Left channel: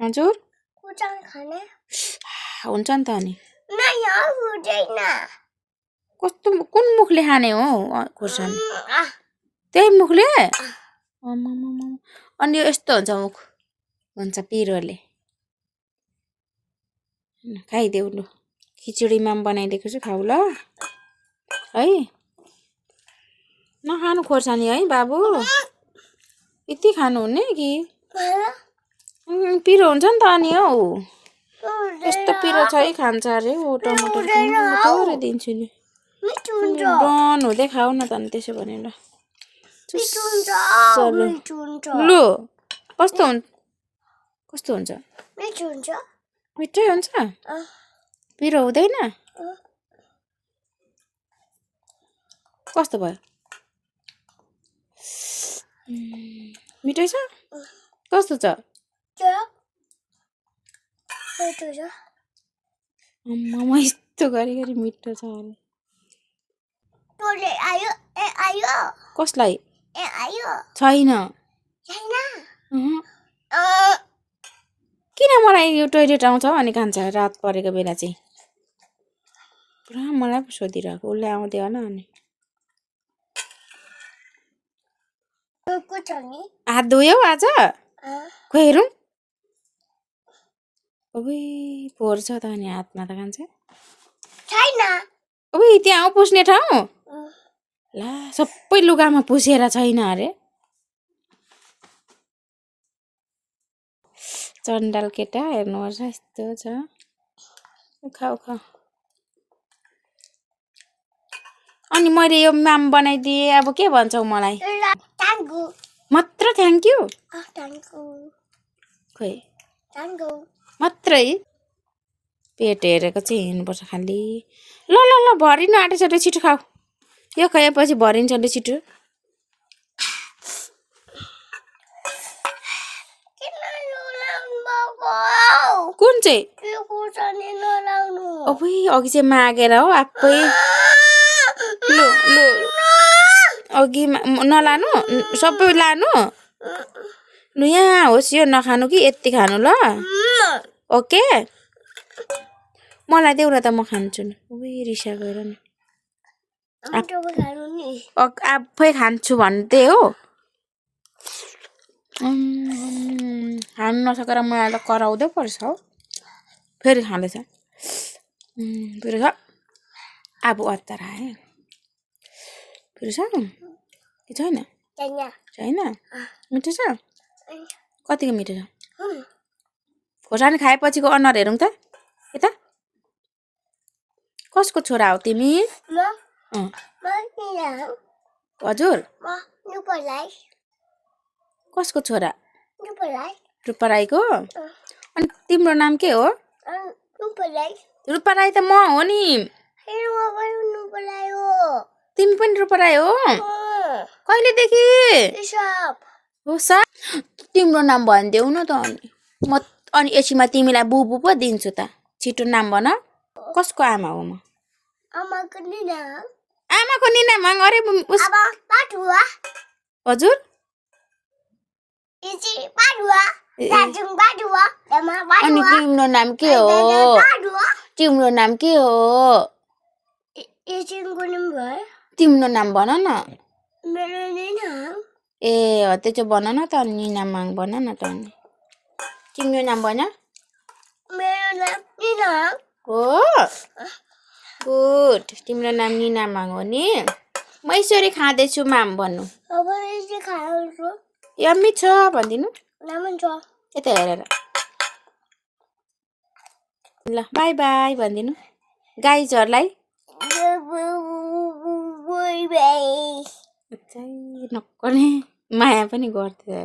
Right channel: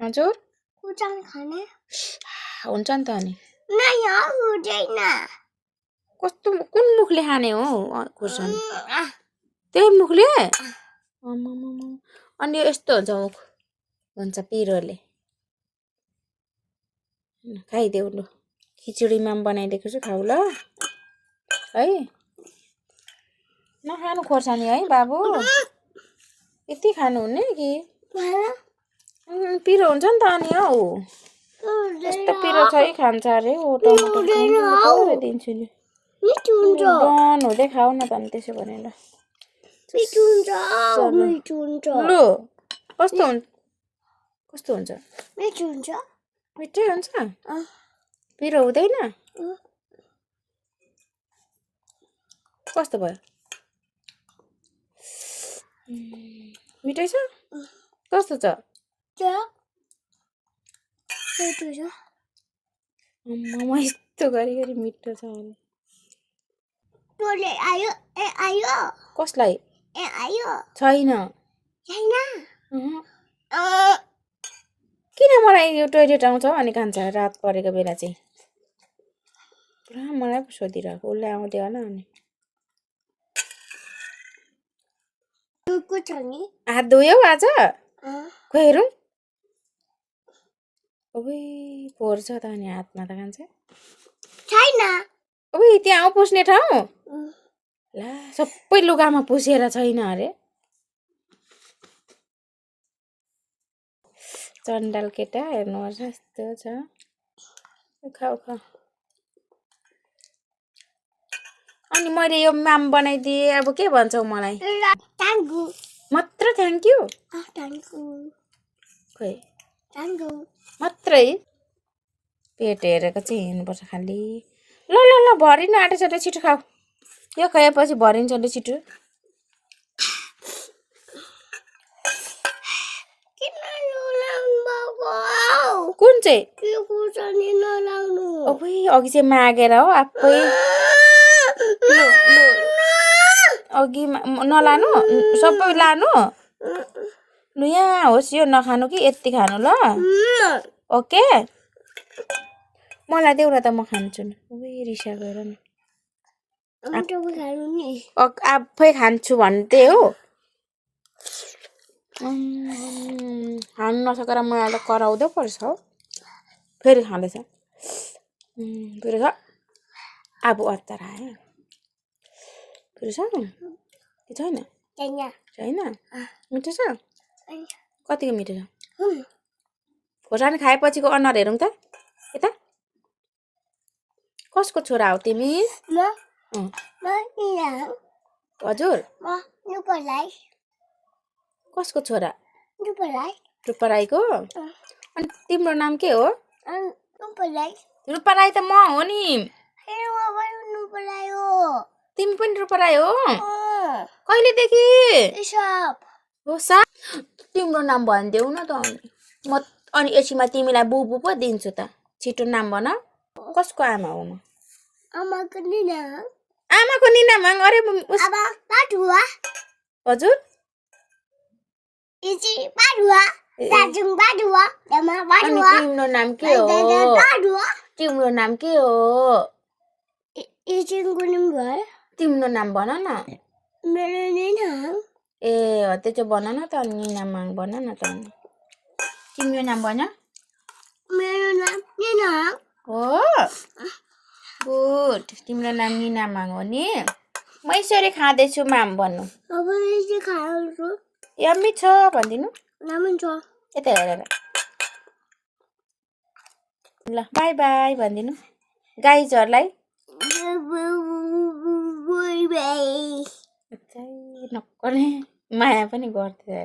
हजुर खुर्सानी खाने हुन्छ नि त अनि यहाँ हुँदैन कस्तो कुन मुखले खाने हो खुर्सानी त्यही मुखले अनि यस्तो हुन्छ मुख हुन्छ पिरोले खाइदेऊ लु खिचडीमा पनि बनाइदिएको छु खाऊ ल है नखानु खोर्सानी है बाबु यति खानुहुने कि पिरो हुन्छ नि त अनि हौ यस्तो पिरो छ है खान्छ अरे हो टमाटर दिन्छु नि डन हुँदै खाऊ न त अनि त्यसो भने ल लु कस्तो हुन्छ मिठै हुन्छ पिरो हुँदैन कस्तो भयो मिठै छ कस्तो छ आम्मामा यस्तो गरी मिठो छ आयो कसलाई आयो छैन किन मलाई यो टोइलेट आउँछ अनि खान्छ रात परेको बेला चाहिँ पुरा मलाई पो सोधिरहेको उसले आउँदै होला अनि हात धोयौ आज खोइ हेरौँ ओइ फोहोर छ त अनि हातमा त खान्छ छैन ओइ त्यहाँ पुस्ने ठाउँ ला सबै लुगामा पुसेर छैन अरे चण्डाल केटा हेर्नुहोस् यस्तो छ खाऊ अनि मैले यो माम बनाइदिएँ अब के भन्छौ मलाई मात्र थ्याङ्क यू खोइ मात्रै पेट हेरेको चाहिँ हिँड्नुपर्छ खालि ल भरिनु आँटेछ छिटो खाऊ यो खाएपछि भरिन्छ ल छिटो कुन चाहिँ अघि चाहिँ मागेर हो आफै अघि नलानु सबै लानु लु यहाँ होस् यो नखानु कि यति खानु ल ओके मलाई देऊ न त म खान्छु नि ओइ रिसा गएर नि आफै खान्छु भन्दै हो खानु नसकेर मलाई त कराउँदै पर्छ हौ फेरि खाँदैछ फेरि खा अब अत्तर आयो फेरि छ कि छैन मिठो छ कतिको मिठो छ खोर्सानी खाएपछिको अनुहार हेरौँ त यता कसको छोरा हो तिमी हजुर कसको छोरा रूपा राईको अनि तिम्रो नाम के हो रूपा राई त म हो नि तिमी पनि रूपा राई हो कहिलेदेखि हो सा तिम्रो नाम भनिदेऊ न त म अनि यसैमा तिमीलाई बुबु पो दिन्छु त छिटो नाम भन कसको आमा हो म आमाको निना माग अरे हजुर अनि तिम्रो नाम के हो तिम्रो नाम भन न ए हो त्यो चाहिँ भन न त निना माग भन न त तिम्रो नाम भन हो गुड तिम्रो नाम निना माग हो नि म यसरी खाँदैछु माम भन्नु यम्मी छ भनिदिनु यता हेरेर ल बाई बाई भनिदिनु गाइजहरूलाई नक्कले माया पनि गर्थ्यो